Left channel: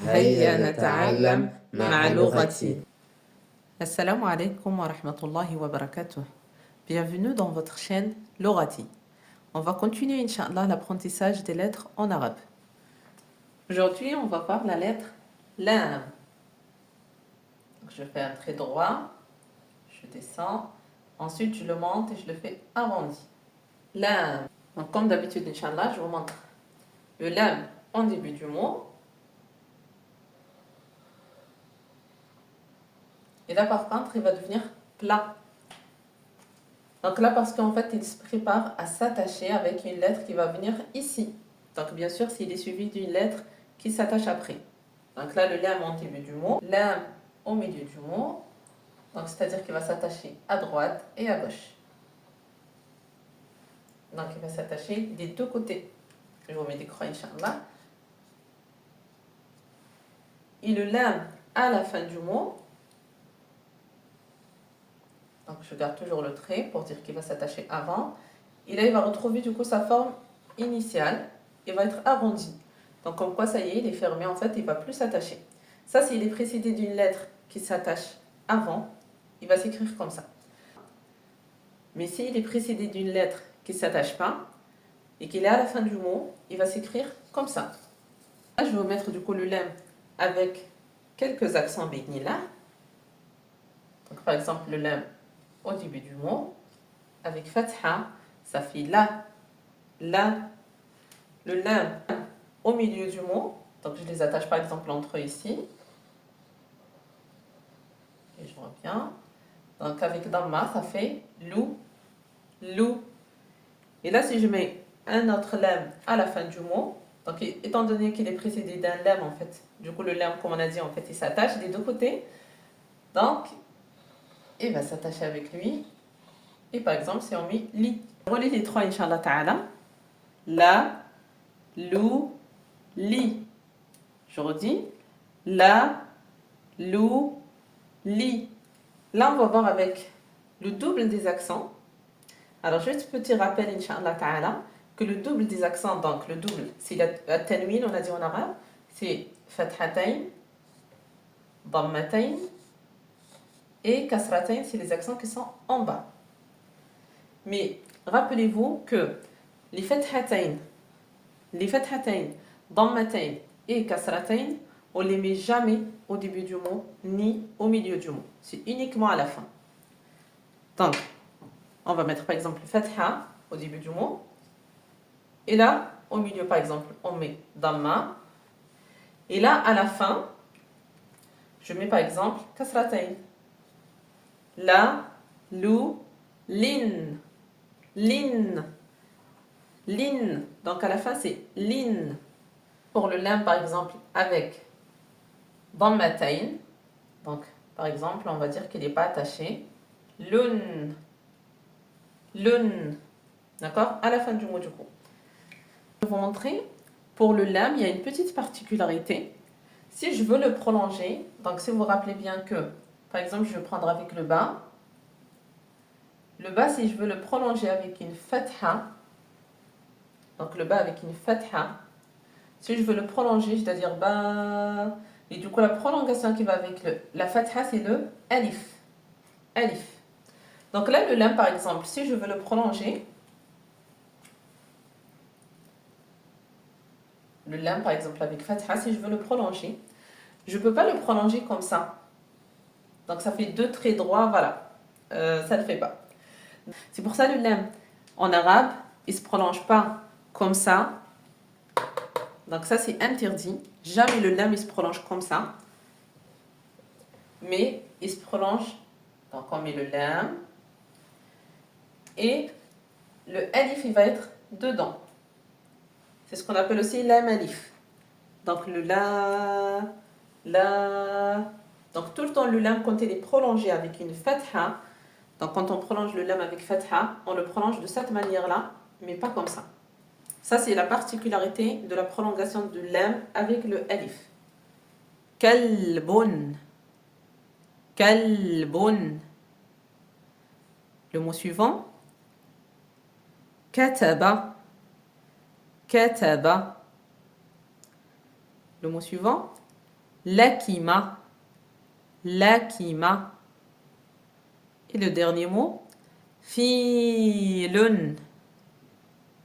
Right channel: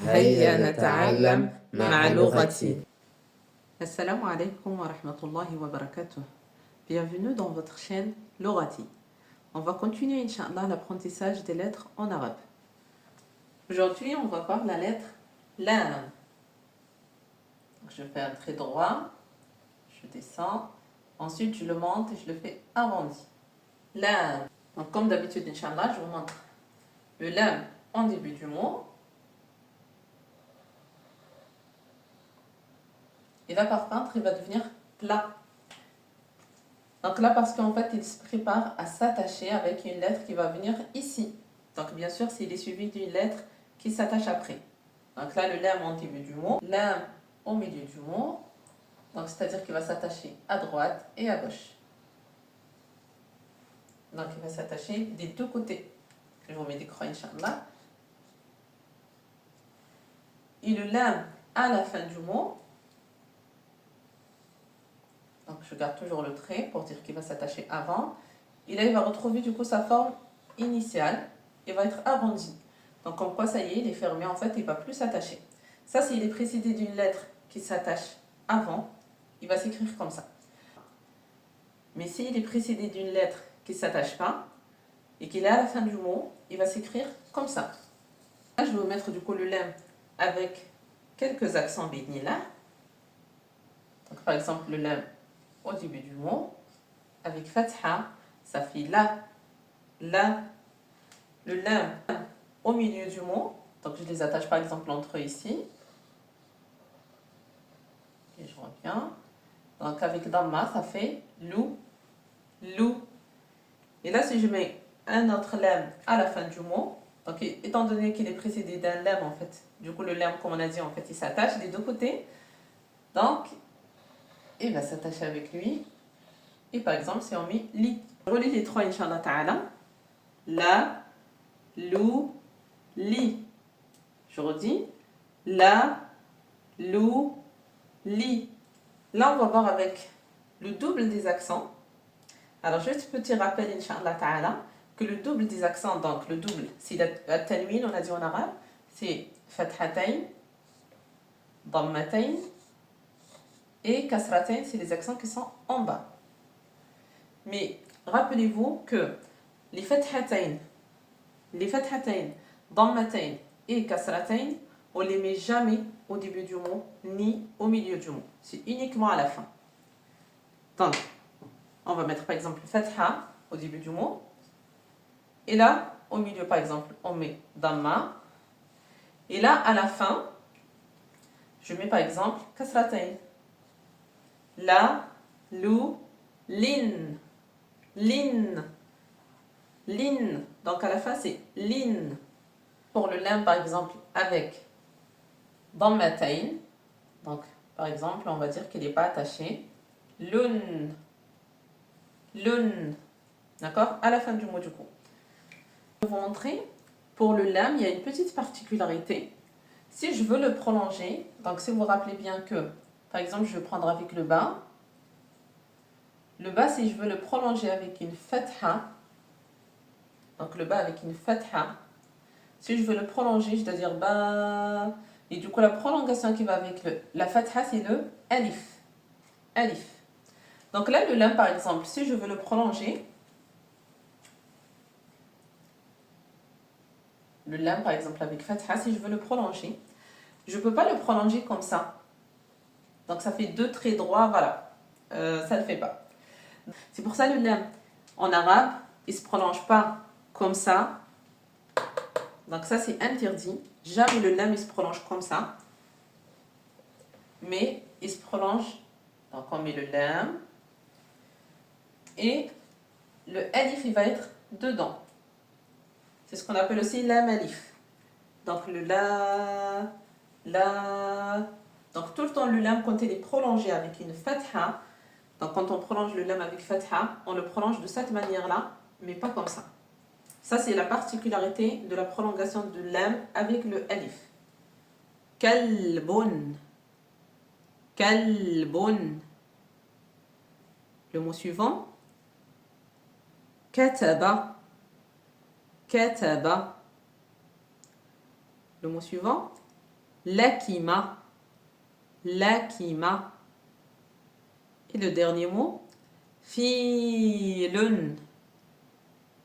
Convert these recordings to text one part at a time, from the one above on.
هيا نتعلم مع لغتي. Assalamu alaikum wa rahmatullahi wa barakatuh. Bienvenue dans votre chaîne Lorati. On va continuer, Inch'Allah, l'apprentissage des lettres en arabe. Aujourd'hui, on va voir la lettre Lam. Je fais un trait droit, je descends, ensuite je le monte et je le fais arrondi. Lam. Donc, comme d'habitude, Inch'Allah, je vous montre le Lam en début du mot. Et là, par contre, il va devenir plat. Donc là, parce qu'en fait, il se prépare à s'attacher avec une lettre qui va venir ici. Donc bien sûr, s'il est suivi d'une lettre qui s'attache après. Donc là, le lam en début du mot, lam au milieu du mot. Donc c'est-à-dire qu'il va s'attacher à droite et à gauche. Donc il va s'attacher des deux côtés. Je vous mets des croix, Inch'Allah. Et le lam à la fin du mot. Donc je garde toujours le trait pour dire qu'il va s'attacher avant. Et là, il va retrouver du coup sa forme initiale. Il va être arrondi. Donc comme quoi, ça y est, il est fermé. En fait, il ne va plus s'attacher. Ça, s'il est précédé d'une lettre qui s'attache avant, il va s'écrire comme ça. Mais s'il est précédé d'une lettre qui ne s'attache pas et qu'il est à la fin du mot, il va s'écrire comme ça. Là, je vais vous mettre du coup le lam avec quelques accents bénila. Donc par exemple, le lam au début du mot, avec fatha, ça fait la. Le lam au milieu du mot, donc je les attache par exemple entre eux ici. Et je vois bien. Donc avec damma, ça fait lou. Et là, si je mets un autre lam à la fin du mot, donc étant donné qu'il est précédé d'un lam en fait, du coup le lam, comme on a dit, en fait, il s'attache des deux côtés. Donc, il va s'attacher avec lui. Et par exemple, si on met li. Relis les trois, Inch'Allah ta'ala. La, lou, li. Je redis. La, lou, li. Là, on va voir avec le double des accents. Alors, juste petit rappel, Inch'Allah ta'ala, que le double des accents, donc le double, c'est la tanwin, on a dit en arabe, c'est fathatayn, dammatayn et kasratayn, c'est les accents qui sont en bas. Mais rappelez-vous que les fathatayn, dammatayn et kasratayn, on ne les met jamais au début du mot ni au milieu du mot. C'est uniquement à la fin. Donc, on va mettre par exemple fatha au début du mot. Et là, au milieu par exemple, on met damma. Et là, à la fin, je mets par exemple kasratayn. La, lou, lin. Lin. Lin. Donc à la fin, c'est lin. Pour le lam, par exemple, avec dammatayn. Donc, par exemple, on va dire qu'il n'est pas attaché. Lun. Lun. D'accord? À la fin du mot, du coup. Je vais vous montrer. Pour le lam, il y a une petite particularité. Si je veux le prolonger, donc si vous vous rappelez bien que, par exemple, je vais prendre avec le bas. Le bas, si je veux le prolonger avec une fatha, donc le bas avec une fatha, si je veux le prolonger, je dois dire ba. Et du coup, la prolongation qui va avec la fatha, c'est le alif. Alif. Donc là, le lam, par exemple, si je veux le prolonger, le lam, par exemple, avec fatha, si je veux le prolonger, je ne peux pas le prolonger comme ça. Donc ça fait deux traits droits, voilà. Ça ne le fait pas. C'est pour ça le lam, en arabe, il ne se prolonge pas comme ça. Donc ça, c'est interdit. Jamais le lam, il se prolonge comme ça. Mais il se prolonge. Donc on met le lam. Et le alif, il va être dedans. C'est ce qu'on appelle aussi lam alif. Donc le la. Donc tout le temps, le lam, quand il est prolongé avec une fatha, donc quand on prolonge le lam avec fatha, on le prolonge de cette manière-là, mais pas comme ça. Ça, c'est la particularité de la prolongation de lam avec le alif. Kalbun. Kalbun. Le mot suivant. Kataba. Kataba. Le mot suivant. Lakima. Lakima. Et le dernier mot, filun.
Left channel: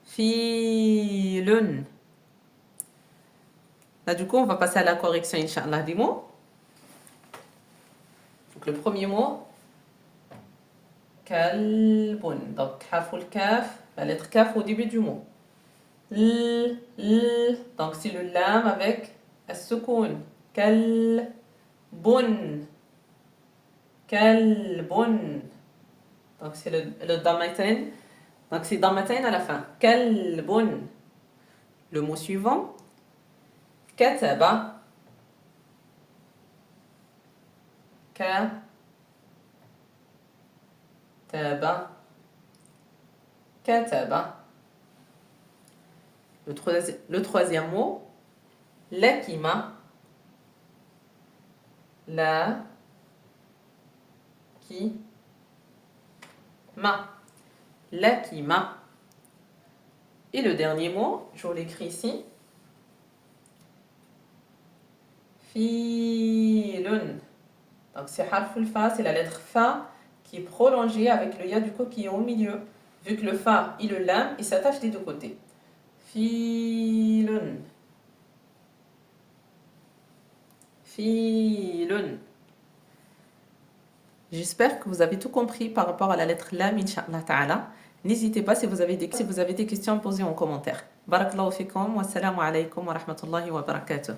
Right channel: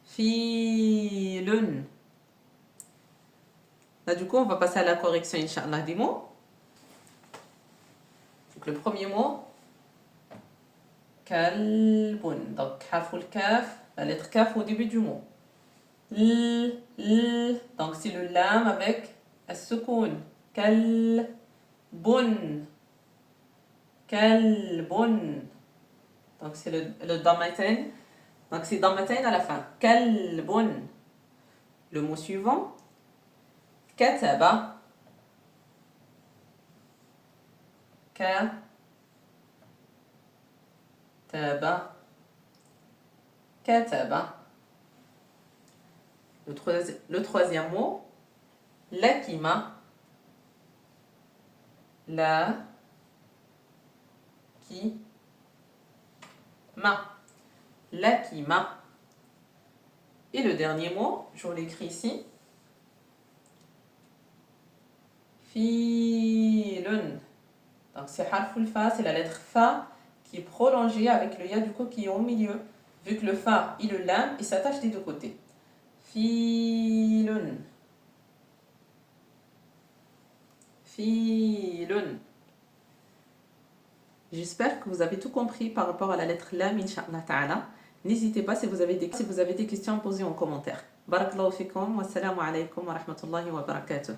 Filun. Là, du coup, on va passer à la correction, Inch'Allah, des mots. Donc, le premier mot, kalbun. Donc, harful kaf, la lettre kaf au début du mot. Donc, c'est le lam avec as-sukoun. Kalbun. Kalbun. Donc, c'est le damatain. Donc, c'est damatain à la fin. Kalbun. Le mot suivant, kataba. Kataba. Kataba. Le troisième mot, lakima. La. Qui. Ma. Lakima. Et le dernier mot, je vous l'écris ici. Filun. Donc c'est harful fa, c'est la lettre fa qui est prolongée avec le ya du coup qui est au milieu. Vu que le fa et le lam, ils s'attachent des deux côtés. Filun. Filun. J'espère que vous avez tout compris par rapport à la lettre lam, Inch'Allah ta'ala. N'hésitez pas si vous avez des questions à poser en commentaire. Barakallahu fikum wa assalamu alaykum wa rahmatullahi wa barakatuh.